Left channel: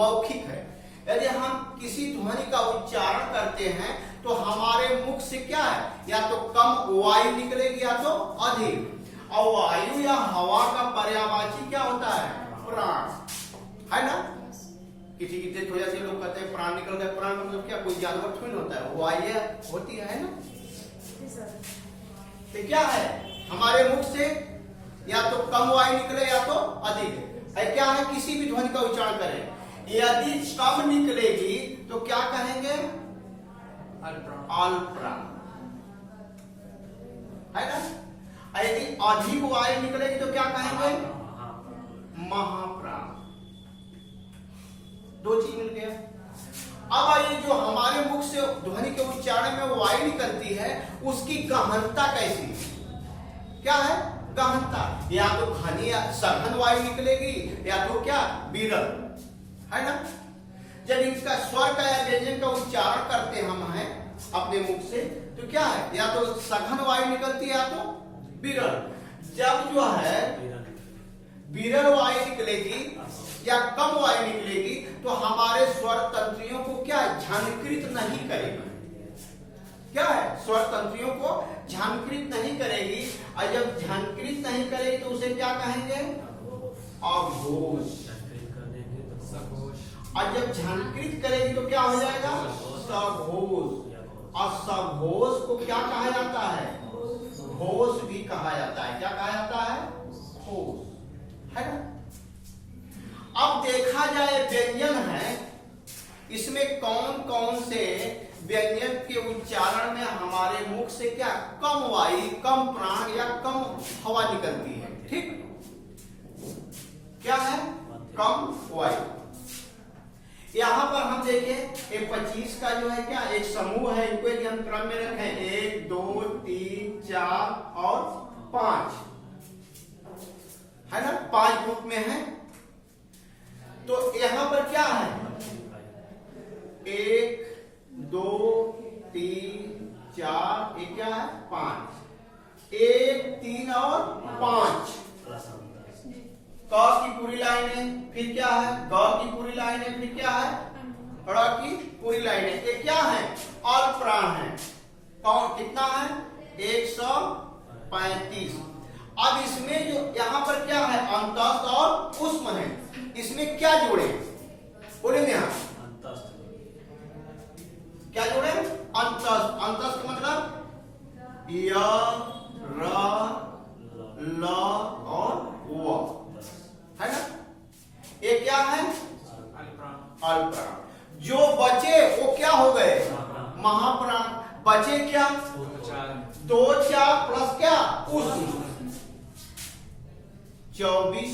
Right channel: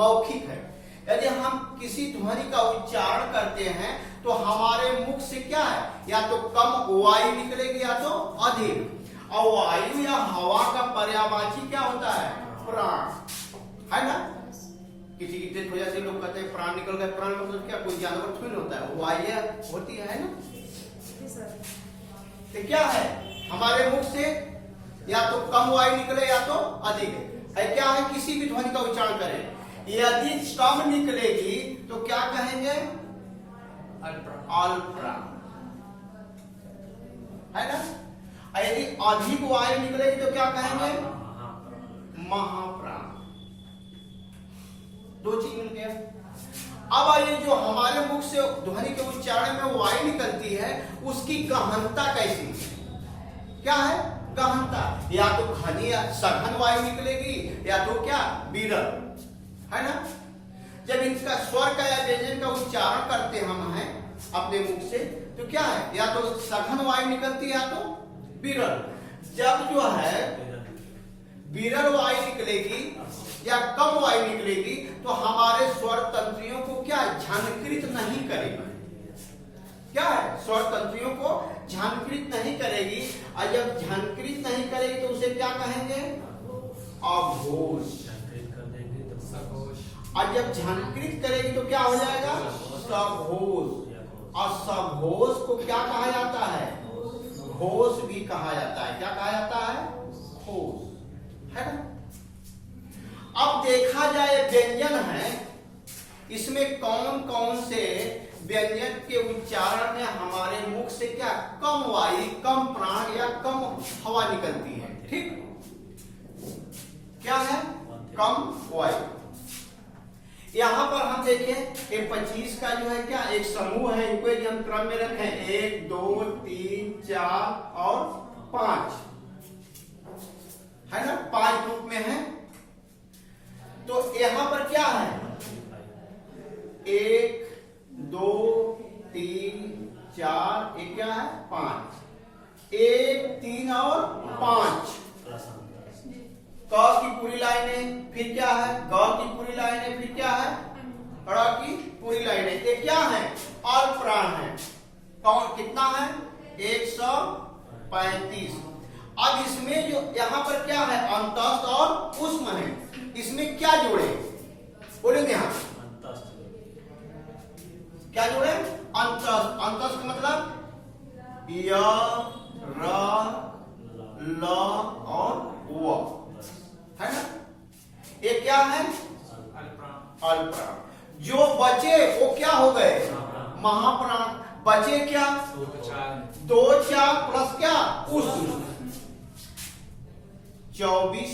मौखिक है। यदि हम किसी ध्वनि का उच्चारण करते हैं तो हमारे मुख से क्या है, या तो कम वायु निकलेगी या तो अधिक। और वायु या हवा का पर्यायवाची क्या होता है, प्राण, है ना। किसी की डेथ हो जाती है, लोग कहते हैं प्राण निकल गए। प्राण मतलब क्या, कोई जानवर थोड़ी होता है, वायु होती है ना। तो क्या है, हमारे मुख से या तो कम वायु निकले या तो अधिक है। क्या है, किसी भी ध्वनि का उच्चारण करें, यदि कम निकलेगी तो क्या कहेंगे, अल्पप्राण, है ना। यदि अधिक वायु निकलेगी तो क्या कहेंगे, महाप्राण। दो चीज मिल गया। अब आइए, जो हमारे मुख से ध्वनि के उच्चारण में वायु निकलती है उसकी गहनता कैसी, क्या है, गहनता। या तो घनी सघन वायु निकलेगी या तो क्या, विरल, है ना। जब इसका स्वर का या व्यंजन का उच्चारण करते हम हैं अपने मुख से तो क्या है, या तो सघन वायु निकलती है या तो विरल। जब जो है विरल वायु निकलेगी या कम वायु निकलेगी तो हमारे स्वर तंत्रियों को क्या झंकृत नहीं करेगी, क्या है, स्वर तंत्रियों को झंकृत नहीं करेगी। और जब झंकृत नहीं करेगी तो उसे क्या कहेंगे, अघोष। और जब झंकृत करेगी तो क्या हो जाएगा, सघोष। और सघोष को क्या कहा जाता है, घोष भी कहा जाता है। क्या कहा जाता है, घोष, है ना। अब देखा जाए व्यंजन है, इसमें कौन कौन से व्यंजन के उच्चारण में हमारे मुख से क्या कम वायु, कम प्राण या कम हवा निकलती है। ठीक, क्या है, कम वायु। यहां पर हम देखें, एक 25 का जो है क्या एक समूह है, इनको यदि हम क्रम में रखें 1 2 3 4 और 5, है ना, 5 ग्रुप में है। तो यहां पर क्या है, 1 2 3 4, एक क्या है, 5, 1 3 और 5। क की पूरी लाइनें, फिर क्या है, ग की पूरी लाइनें, फिर क्या है, ड़ की पूरी लाइनें। ये क्या है, अल्पप्राण है। कौन, कितना है, 135। अब इसमें जो यहाँ पर क्या है, अंतस्थ और उष्म है, इसमें क्या जोड़े, बोलेंगे हम, क्या जोड़े, अंतस्थ। अंतस्थ का मतलब य, र, ल और व, है ना। ये क्या है, अल्पप्राण। जो बचे वो क्या हो गए, महाप्राण। बचे क्या, 2 4 प्लस क्या, उष्म, 24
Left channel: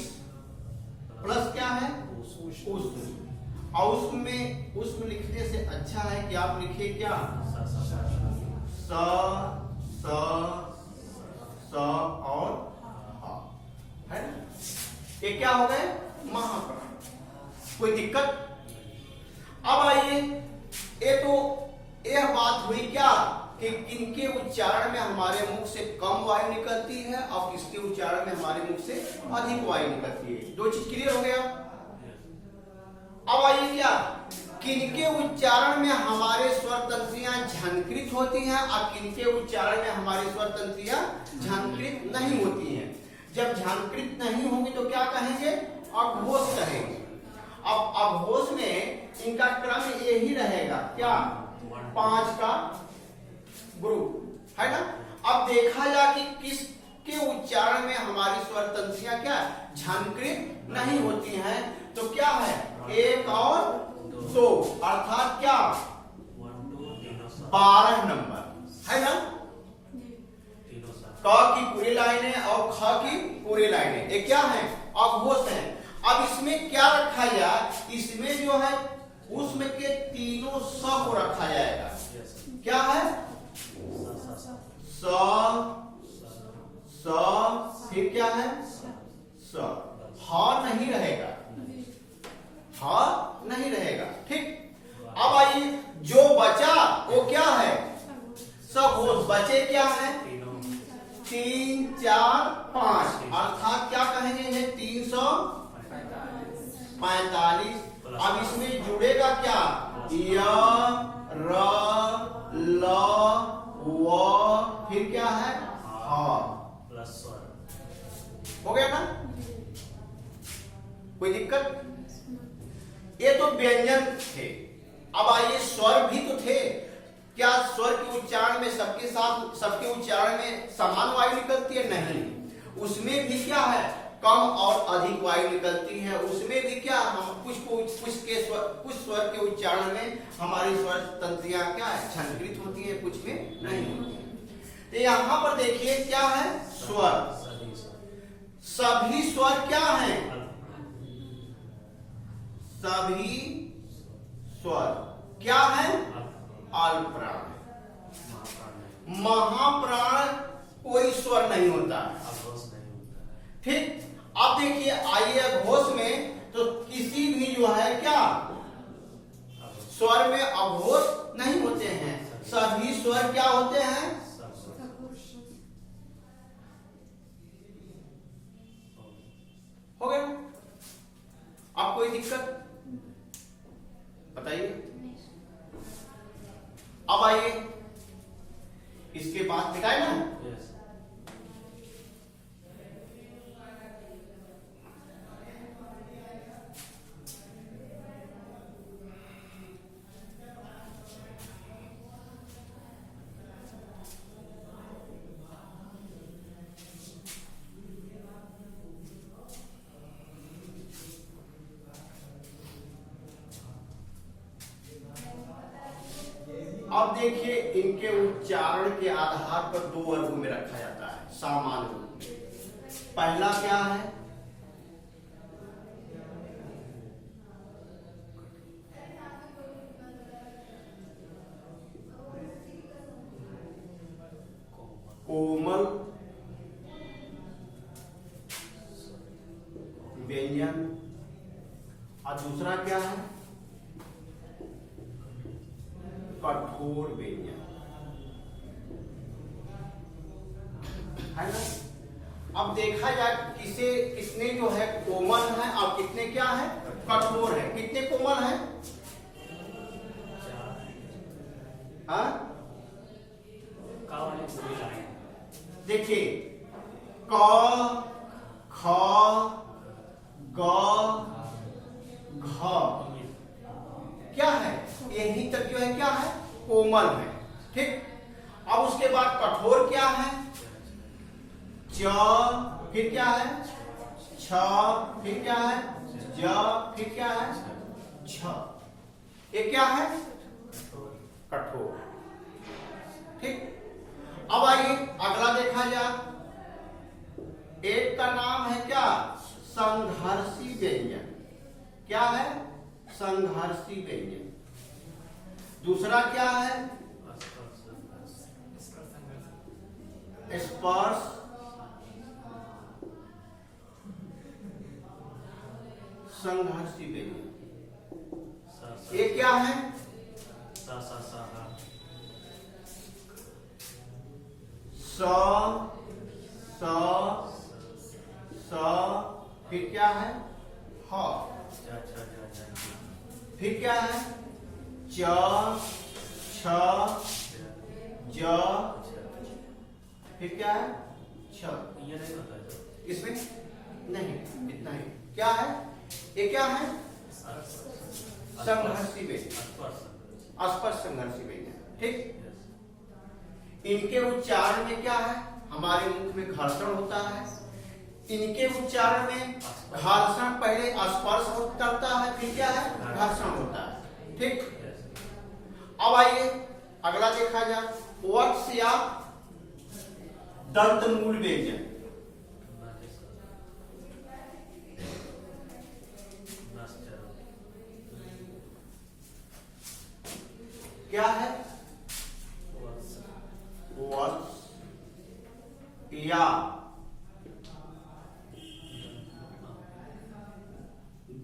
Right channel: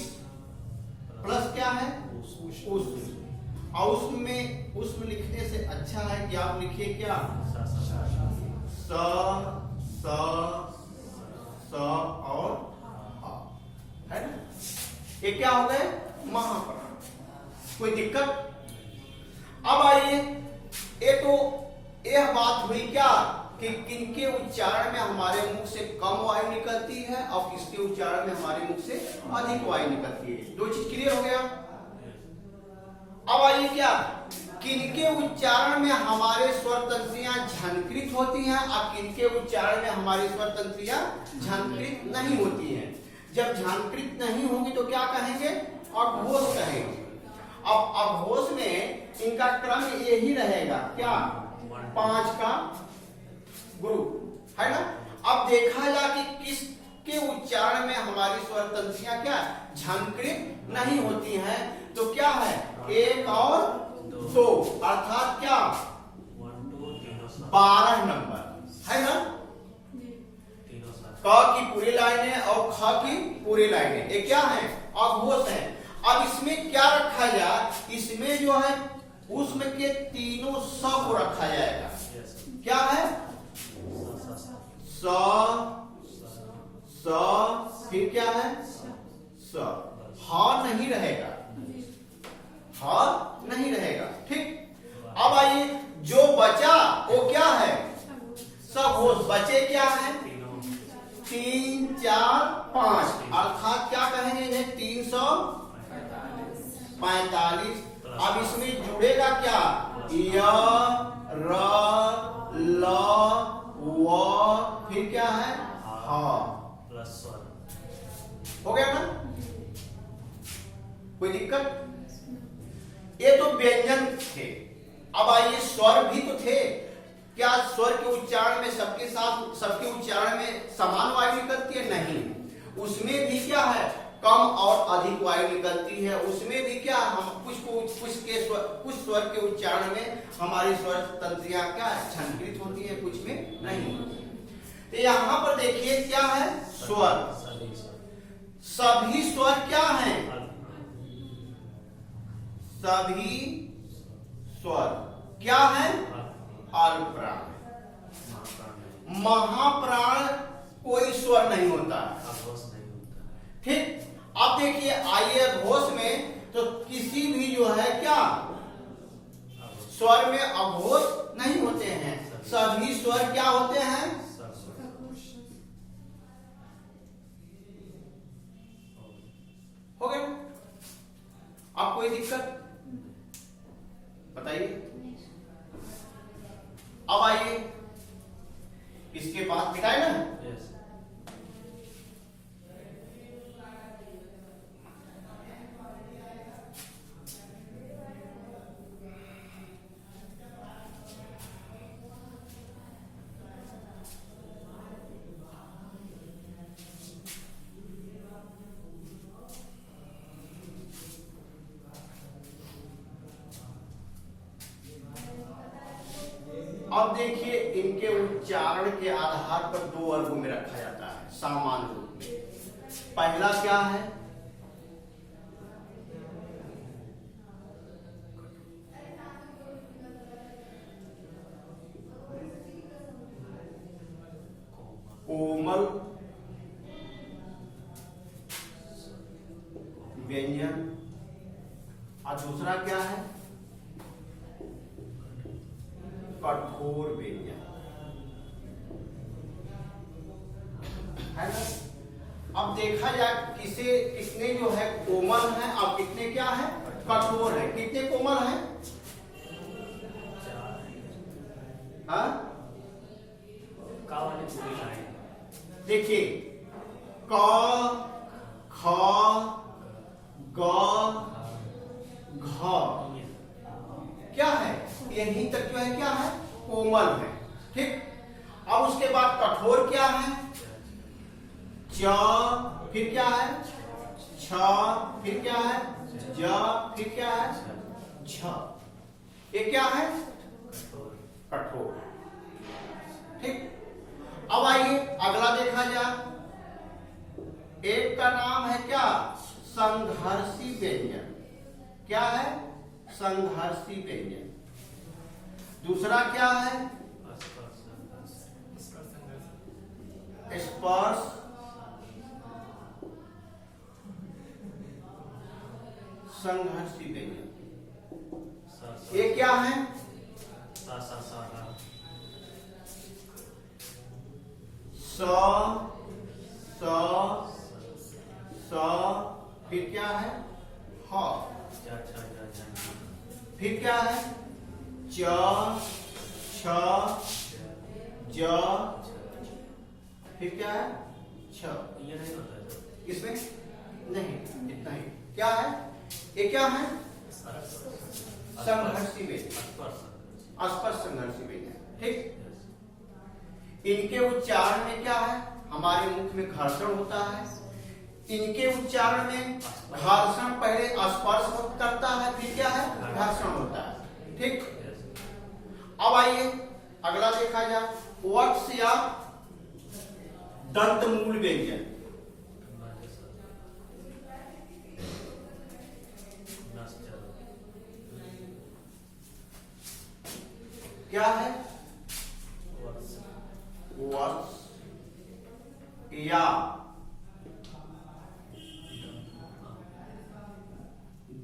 प्लस क्या है, उष्म। और उसमें उष्म लिखने से अच्छा है कि आप लिखिए क्या, स स स और ह, है ना। ये क्या हो गए, महाप्राण। कोई दिक्कत। अब आइए, ये तो यह बात हुई क्या कि किनके उच्चारण में हमारे मुख से कम वायु निकलती है और किसके उच्चारण में हमारे मुख से अधिक वायु निकलती है। दो चीज क्लियर हो गया। अब आइए क्या, किनके उच्चारण में हमारे स्वर तंत्रियां झंकृत होती हैं और किनके उच्चारण में हमारी स्वर तंत्रियां झंकृत नहीं होती हैं। जब झंकृत नहीं होंगी तो क्या कहेंगे, अघोष कहेंगे। अब अघोष में इनका क्रम यही रहेगा, क्या, 5 का ग्रुप, है ना। अब देखा जा कि किसके उच्चारण में हमारी स्वर तंत्रियां क्या झंकृत नहीं होती हैं, तो क्या है, 1 और 2, अर्थात क्या 12 नंबर, है ना। क की पूरी लाइनें और ख की पूरी लाइनें, ये क्या है, अघोष है। अब इसमें क्या रखा जाए, इसमें जो है उसमें के तीनों स को रखा जाएगा। क्या है, स, फिर क्या है, स, ह नहीं रहेगा, ह नहीं रहेगा। ठीक। अब आइए, जो बचा वो क्या है, सघोष। बचे क्या है, 3 4 5, अर्थात क्या कहेंगे इन्हें, 345। अब अब इसमें जुड़ेगा क्या, य, र, ल, व, फिर क्या है, ह प्लस स्वर। हो गया ना, कोई दिक्कत? ये तो व्यंजन थे। अब आइए स्वर भी तो थे। क्या स्वर के उच्चारण में सबके उच्चारण में समान वायु निकलती है? नहीं, उसमें भी क्या है, कम और अधिक वायु निकलती है। उसमें भी क्या, हम कुछ स्वर के उच्चारण में हमारी स्वर तंत्रियां क्या छंद्रित होती है, कुछ में नहीं होती है। तो यहाँ पर देखिए क्या है, स्वर। सभी स्वर क्या है, सभी स्वर क्या है, अल्पप्राण। महाप्राण कोई स्वर नहीं होता। ठीक, अब देखिए आइए अघोष में, तो किसी भी जो है क्या स्वर में अघोष नहीं होते हैं, सभी स्वर क्या होते हैं, हो गए। अब कोई दिक्कत बताइए? अब आइए इसके बाद मिटाए ना, अब देखिए इनके उच्चारण के आधार पर दो वर्ग में रखा जाता है सामान्य रूप में। पहला क्या है, कोमल व्यंजन, और दूसरा क्या है, कठोर व्यंजन, है ना। अब देखा जाए इसे, कितने जो है कोमल है और कितने क्या है, कठोर है। कितने कोमल है, हाँ? देखिए क, ख, ग, घ क्या है, यही तक जो है क्या है, कोमल है। ठीक, अब उसके बाद कठोर क्या है, च, फिर क्या है, छ, फिर क्या है, ज, फिर क्या है, छ। ये क्या है, कठोर। ठीक, अब आइए अगला देखा जाए। एक का नाम है क्या, संघर्षी व्यंजन। क्या है, संघर्षी व्यंजन। दूसरा क्या है, स्पर्श संघर्षी व्यंजन। ये क्या है, स, फिर क्या है, ह, फिर क्या है, च, छ, ज, फिर क्या है, छ। ये नहीं होता है इसमें नहीं, इतना ही। क्या है, ये क्या है, संघर्षी व्यंजन, स्पर्श संघर्षी व्यंजन। ठीक, इनके उच्चारण में क्या है, हमारे मुख में घर्षण होता है। इनके उच्चारण में घर्षण पहले स्पर्श करता है, फिर क्या है, घर्षण होता है। ठीक, अब आइए अगला देखा जाए, वत्स या दंत मूल व्यंजन। क्या है, वत्स या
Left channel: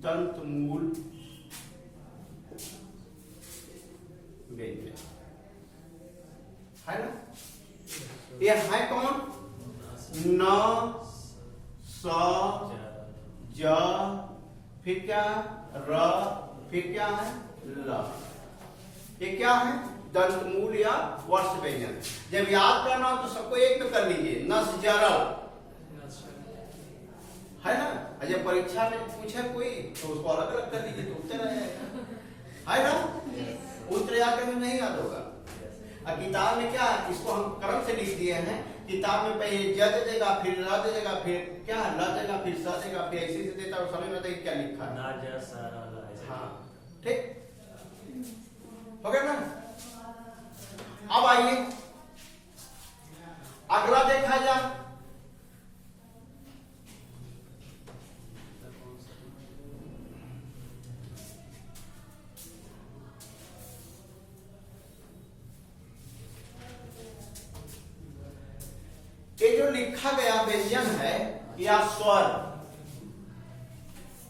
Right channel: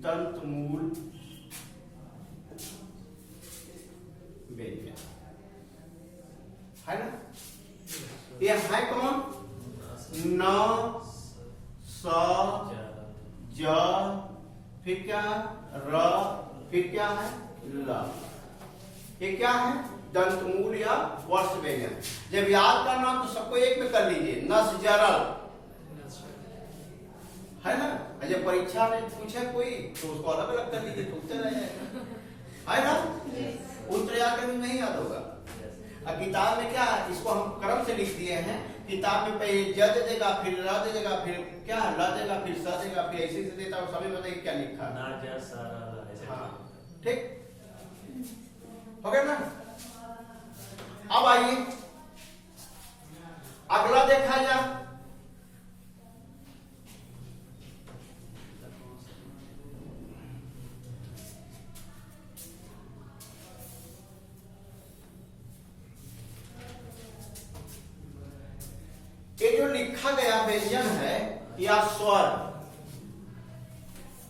दंत मूल व्यंजन, है ना। ये है कौन, न, स, ज, फिर क्या है, र, फिर क्या है ल। ये क्या है दंतमूल या वर्ष व्यंजन। जब याद करना हो तो सबको एक में कर लीजिए, नस जरल है ना। जब परीक्षा में पूछे कोई तो उसको अलग अलग कर दीजिए तो उत्तर आ जाएगा, है ना। उत्तर याद करने नहीं याद होगा। और किताब में क्या है, इसको हम क्रम से लिख दिए हैं। किताब में पहले ज दे देगा, फिर र दे देगा, फिर क्या ल देगा, फिर स देगा, फिर ऐसे से देता है, समझ में आता है क्या लिखा है। ना जा सारा ला ऐसे। हाँ ठीक हो गया ना। अब आइए अगला देखा जाए। ये जो लिखा गया व्यंजन है या स्वर,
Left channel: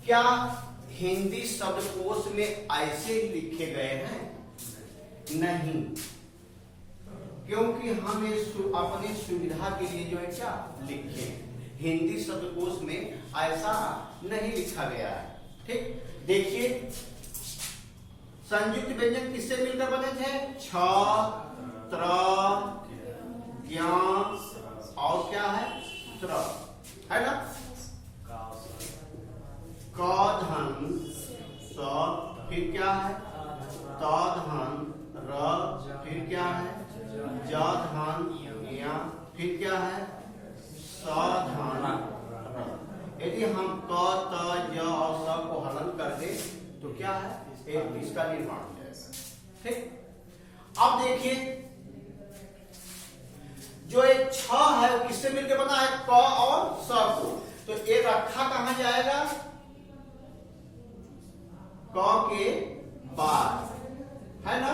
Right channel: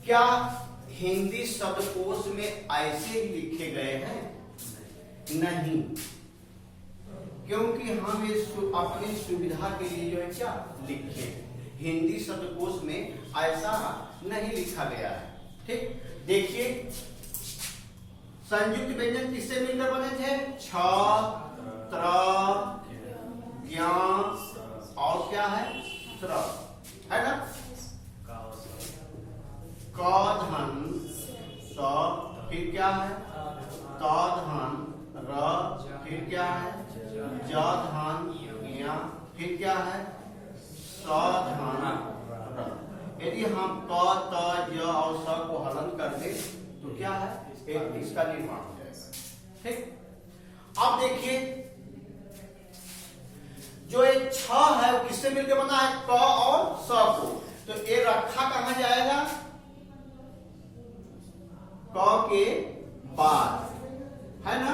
क्या हिंदी शब्दकोश में ऐसे ही लिखे गए हैं? नहीं, क्योंकि हम अपनी सुविधा के लिए जो है क्या लिखे, हिंदी शब्दकोश में ऐसा नहीं लिखा गया है। ठीक, देखिए संयुक्त व्यंजन किससे मिलकर बने थे? छ, त्र, ज्ञ और क्या है त्र, है ना। क धन स, फिर क्या है त धन र, फिर क्या है ज धन य, फिर क्या है स धन र। यदि हम क त ज और स को हलन कर दे तो क्या है एक इसका निर्माण हो जाएगा। ठीक, अब देखिए जो ये छ है वो किससे मिलकर बना है? क और स को। तो ये रखा कहां जाएगा? क के बाद, है ना।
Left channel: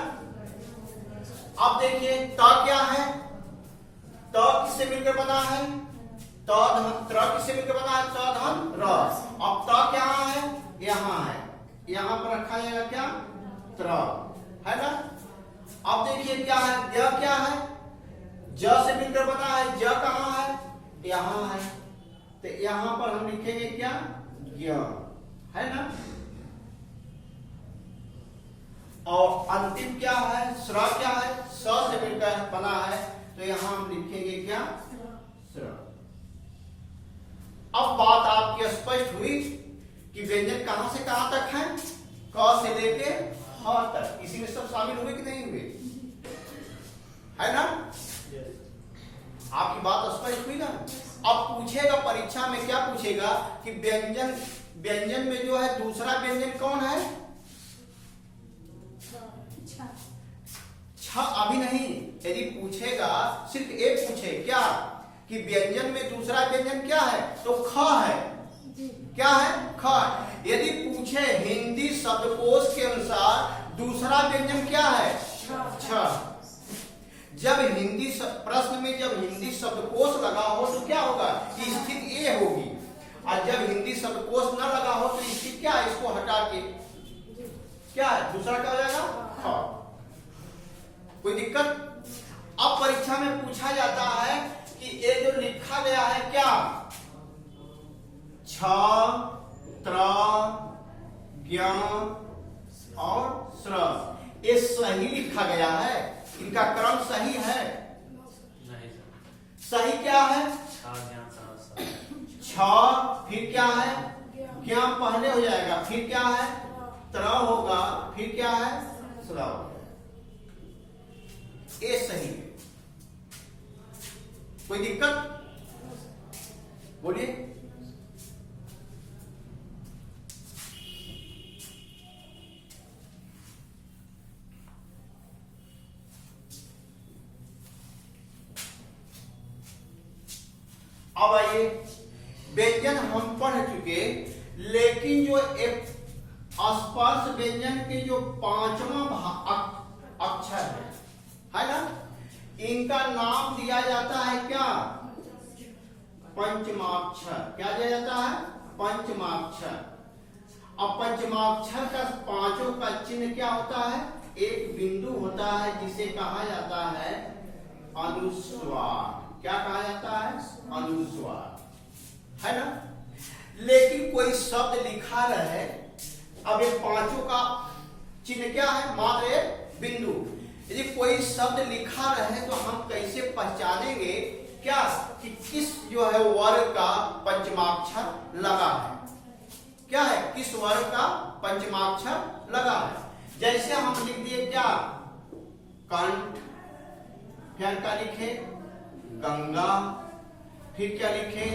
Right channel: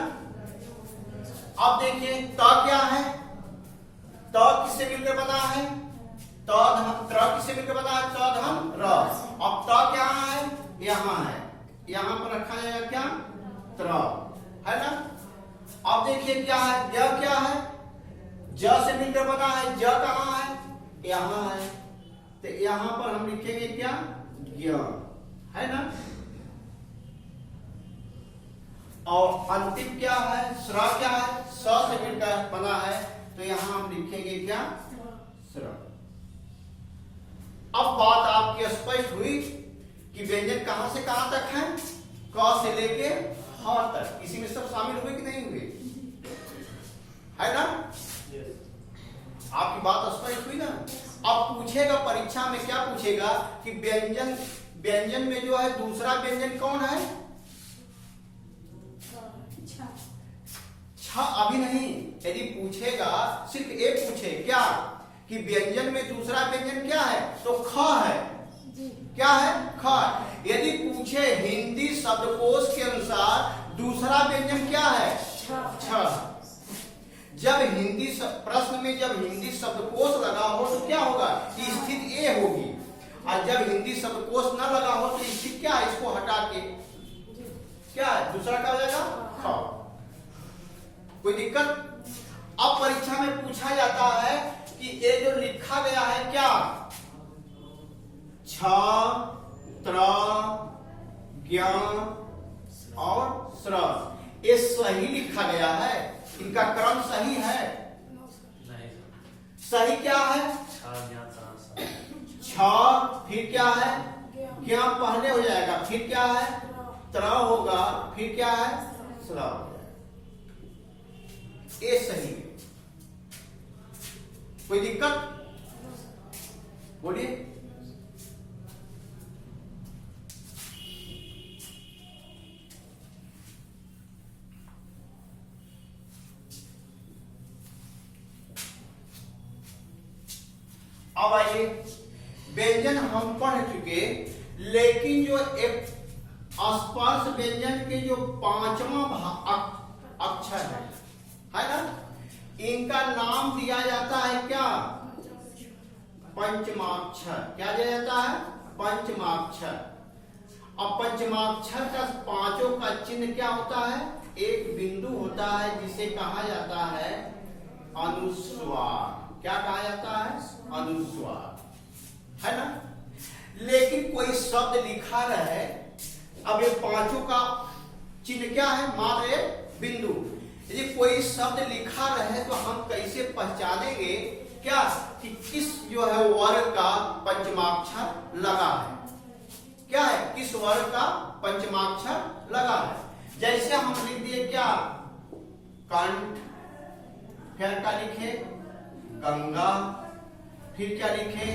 अब देखिए त क्या है? त किससे मिलकर बना है? त धन, त्र किससे मिलकर बना है? त धन र। अब त क्या है? यहां है, यहां पर रखा जाएगा क्या? त्र, है ना। अब देखिए क्या है? य क्या है? ज से मिलकर बना है। ज कहां है? यहां है, तो यहां पर हम लिखेंगे क्या? ज्ञ, है ना। और अंतिम क्या है? श्र क्या है? स से मिलकर बना है, तो यहां हम लिखेंगे क्या? श्र। अब बात आपकी स्पष्ट हुई कि व्यंजन कहां से कहां तक है? क से लेके ह तक। इसी में सब शामिल हुए कि नहीं हुए? है ना। आपकी बात स्पष्ट हुई ना। अब पूछेगा परीक्षा में, क्या पूछेगा कि व्यंजन में जो है दूसरा व्यंजन कौन है? छ अभी नहीं, यदि पूछेगा सिर्फ एक पूछे क्या कि व्यंजन में दूसरा व्यंजन क्या है, तो ख है। क्या है? ख। यदि पूछे हिंदी शब्दकोश के अनुसार दूसरा व्यंजन क्या है? छ। जब हिंदी प्रश्न में जब हिंदी शब्दकोश लगा हो तो क्या होगा कि स्थिति ए होगी, और जब हिंदी शब्दकोश न लगा हो तो स्थिति क्या है? इसको हटा के क्या है? दूसरा क्या हो जाएगा? ख। कोई दिक्कत? अब परीक्षा में पूछा जाता है कि ये जो लिखा गया है क्या? छ, त्र, ज्ञ और श्र, ये सही लिखा गया है? इनका क्रम सही है? नहीं। सही क्या है? छ, फिर क्या है? ज्ञ पहले हो जाएगा, फिर क्या है? त्र होगा, फिर क्या है? श्र होगा। ये सही है। कोई दिक्कत? बोलिए। अब आइए, व्यंजन हम पढ़ चुके, लेकिन जो एक स्पर्श व्यंजन के जो पांचवा अक्षर है ना, इनका नाम दिया जाता है क्या? पंचमाक्षर। क्या दिया जाता है? पंचमाक्षर। अब पंचमाक्षर का पांचों का चिन्ह क्या होता है? एक बिंदु होता है जिसे कहा जाता है अनुस्वार। क्या कहा जाता है? अनुस्वार, है ना। लेकिन कोई शब्द लिखा रहे, अब ये पांचों का चिन्ह क्या है? मात्र एक बिंदु। यदि कोई शब्द लिखा रहे तो हम कैसे पहचानेंगे क्या कि किस जो है वर्ग का पंचमाक्षर लगा है? क्या है? किस वर्ग का पंचमाक्षर लगा है? जैसे हम लिख दिए क्या? कंठ, फिर क्या लिखे? गंगा, फिर क्या लिखे?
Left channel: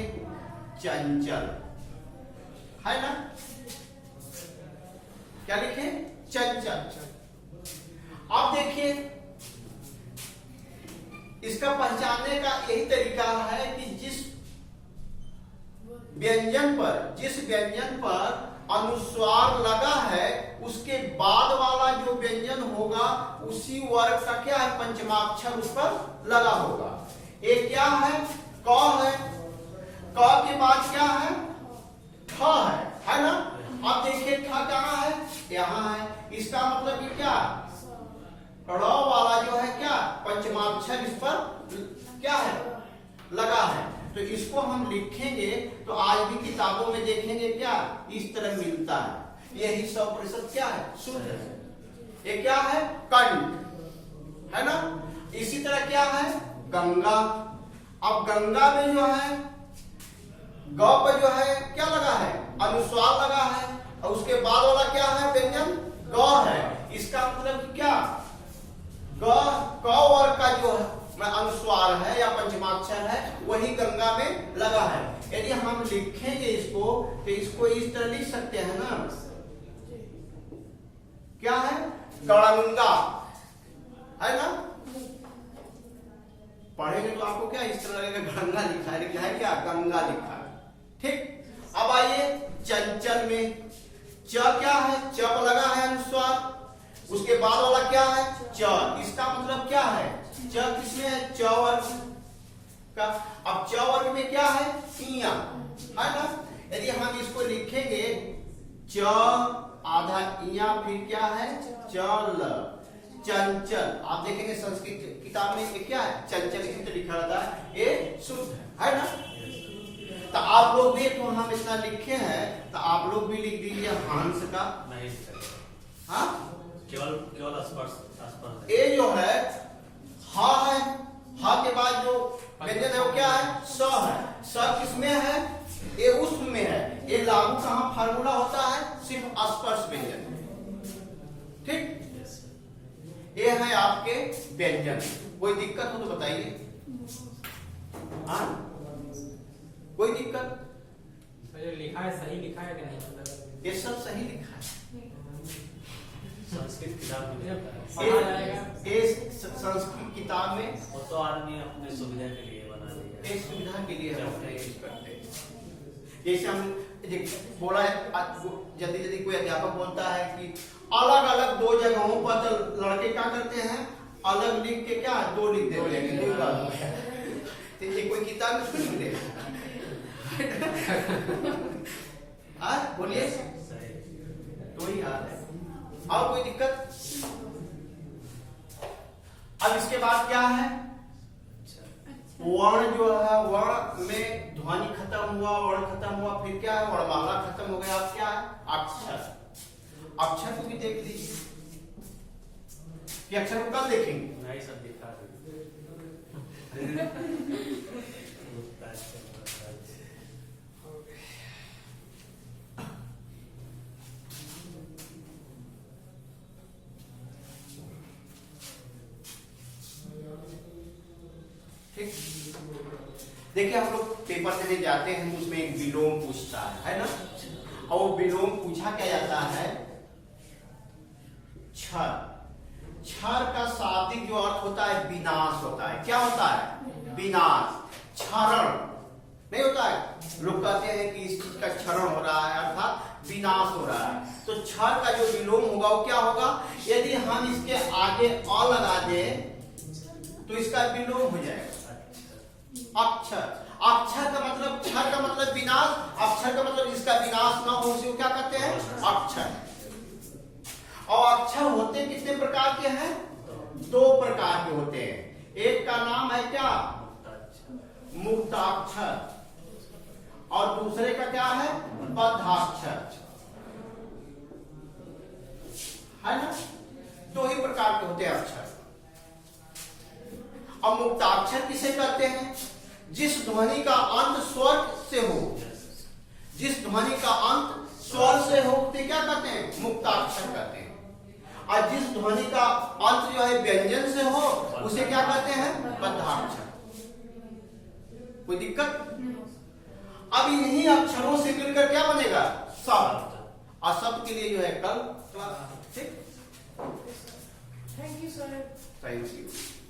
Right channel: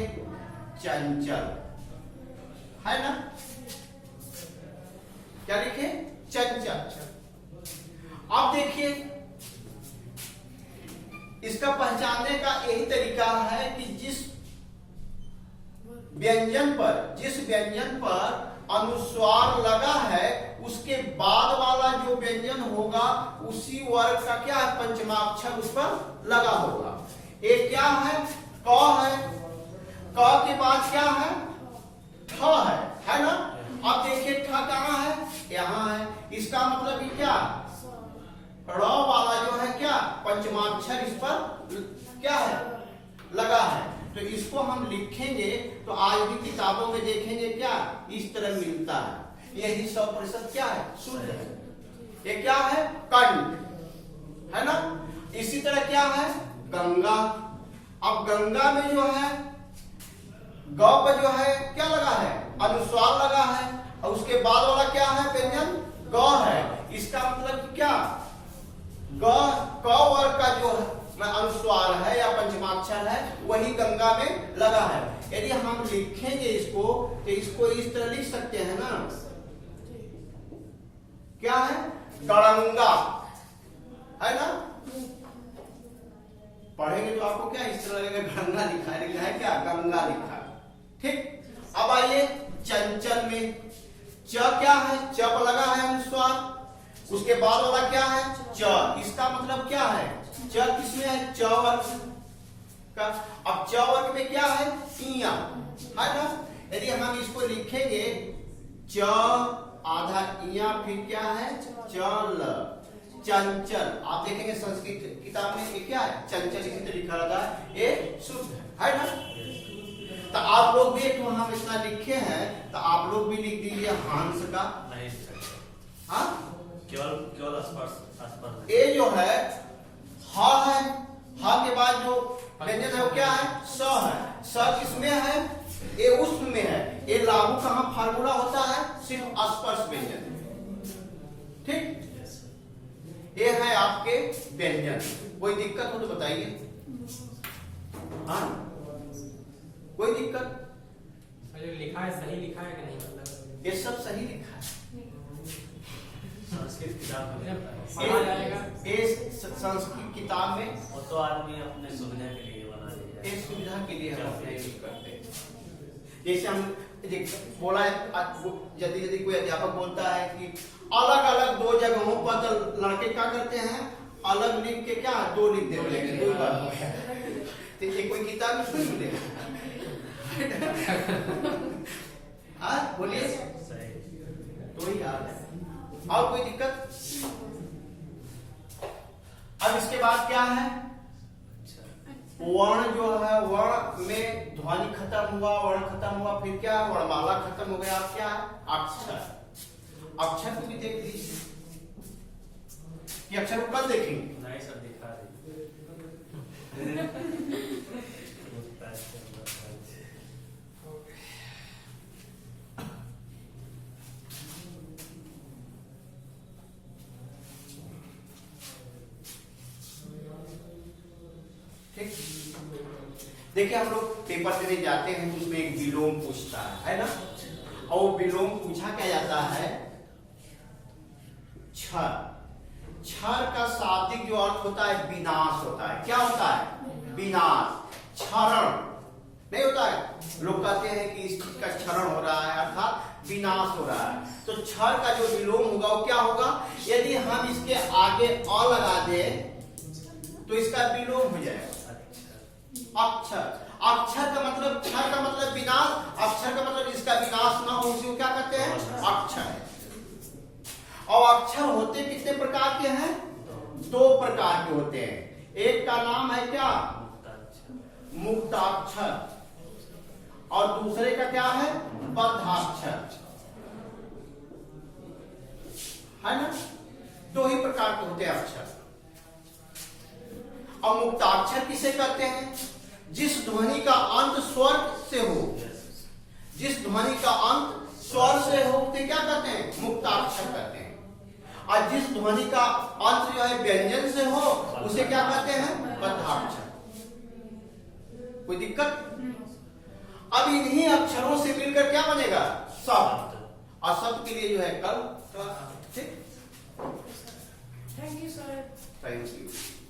चंचल, है ना? क्या लिखे? चंचल। अब देखिए इसका पहचानने का यही तरीका है कि जिस व्यंजन पर अनुस्वार लगा है उसके बाद वाला जो व्यंजन होगा उसी वर्ग का क्या है? पंचमाक्षर उस पर लगा होगा। एक क्या है? क है। क के बाद क्या है? ठ है ना? अब देखिए ठ कहाँ है? यहाँ है। इसका मतलब कि क्या? र वाला जो है क्या? पंचमाक्षर इस पर क्या है? लगा है। तो इसको हम लिखेंगे तो आज भी किताबों में देखेंगे क्या? इस तरह मिलता है। यही 100% क्या है? शुद्ध है। ये क्या है? कंठ, है ना? इसी तरह क्या है? गंगा। अब गंगा में जो है ग पर जो है क्या लगा है? अनुस्वार लगा है और उसके बाद वाला क्या है? व्यंजन ग है। इसका मतलब क्या? क वर्ग का जो अनुस्वार है या पंचमाक्षर है वही गंगा में लगा है। यदि हम लिखेंगे इसको तो इसको इस तरह लिख सकते हैं ना? क्या है? गणंगा, है ना? पढ़ेंगे तो आपको क्या इस तरह लगेगा? गंगा लिखा है क्या? गंगा लिखा है। ठीक। अब आइए चंचल में च क्या है? च पर लगा है अनुस्वार, उसके बाद वाला क्या है? च। इसका मतलब क्या है? च किसमें है? च वर्ग का। अब च वर्ग में क्या है? इया, है ना? यदि हम इसको लिखेंगे च आधा इया, फिर क्या है? चल, चंचल। आप देखेंगे संस्कृत किताब में ये क्या है? चंचल किस लिखा रहता है? ये शुद्ध है ना? तो आप लोग भी तो हम इतना लिखे हैं तो आप लोग भी लिख दीजिए हंस का। नहीं, हाँ, केवल स्पर्श। ये जो है हा है, हा के बाद जो व्यंजन है वो क्या है? स है। स किसमें है? ये उष्म में है। ये लागू कहाँ फार्मूला होता है? सिर्फ स्पर्श व्यंजन। ठीक। ये है आपके व्यंजन। कोई दिक्कत हो तो बताइए। हाँ, कोई दिक्कत? जो लिखा है सही लिखा है कि नहीं? ये सब सही लिखा है। संस्कृत किताब में संस्कृत किताब में वो तो आदमी अपने सुविधा के लिए बना लिया। एक सुविधा के लिए हम अपना यूज करते हैं। जैसे हम बोला है, यदि कोई अध्यापक बोलता है कि अलग अलग दो जगहों पर, तो लड़के क्या करते हैं? अलग लिख के क्या दो लिख देते हैं। कोई बात नहीं। तो ये कोई किताब में सुन ले। बोलिए। तो ही याद है। और कोई दिक्कत? अब इसके बाद क्या है? वर्ण जो है, वर्ण में ध्वनि खत्म हुआ, वर्ण खत्म हुआ, फिर क्या है? वर्णमाला खत्म हो गया। अब क्या है? अक्षर। अक्षर को भी देख लीजिए कि अक्षर को कल देखेंगे। नहीं, सब दिखा देखिए हम लोग पेपर देने जाते हैं तो उसमें एक विलोम पूछता है ना? और विलोम पूछा क्या जाता है? क्षर। क्षर का शाब्दिक जो अर्थ होता है विनाश होता है। क्या होता है? विनाश। क्षरण नहीं होता है। लोग कहते हैं कि इस चीज का क्षरण हो रहा है, अर्थात विनाश हो रहा है। तो क्षर का जो विलोम होगा वो क्या होगा? यदि हम इसके आगे अ लगा दें तो इसका विलोम हो जाएगा अक्षर। अक्षर का मतलब, क्षर का मतलब विनाश, अक्षर का मतलब इसका विनाश ना हो, उसे क्या कहते हैं? अक्षर। और अक्षर होते कितने प्रकार के हैं? दो प्रकार के होते हैं। एक का नाम है क्या? मुक्ताक्षर, और दूसरे का क्या है? बद्धाक्षर। है ना? दो ही प्रकार के होते हैं अक्षर। अब मुक्ताक्षर किसे कहते हैं? जिस ध्वनि का अंत स्वर से हो, जिस ध्वनि का अंत स्वर से हो उसे क्या कहते हैं? मुक्ताक्षर कहते हैं। और जिस ध्वनि का अंत जो है व्यंजन से हो उसे क्या कहते हैं? बद्धाक्षर। कोई दिक्कत? अब इन्हीं अक्षरों से मिलकर क्या बनेगा? शब्द। और शब्द के लिए जो है कल क्लास। ठीक, thank you sir. Thank you.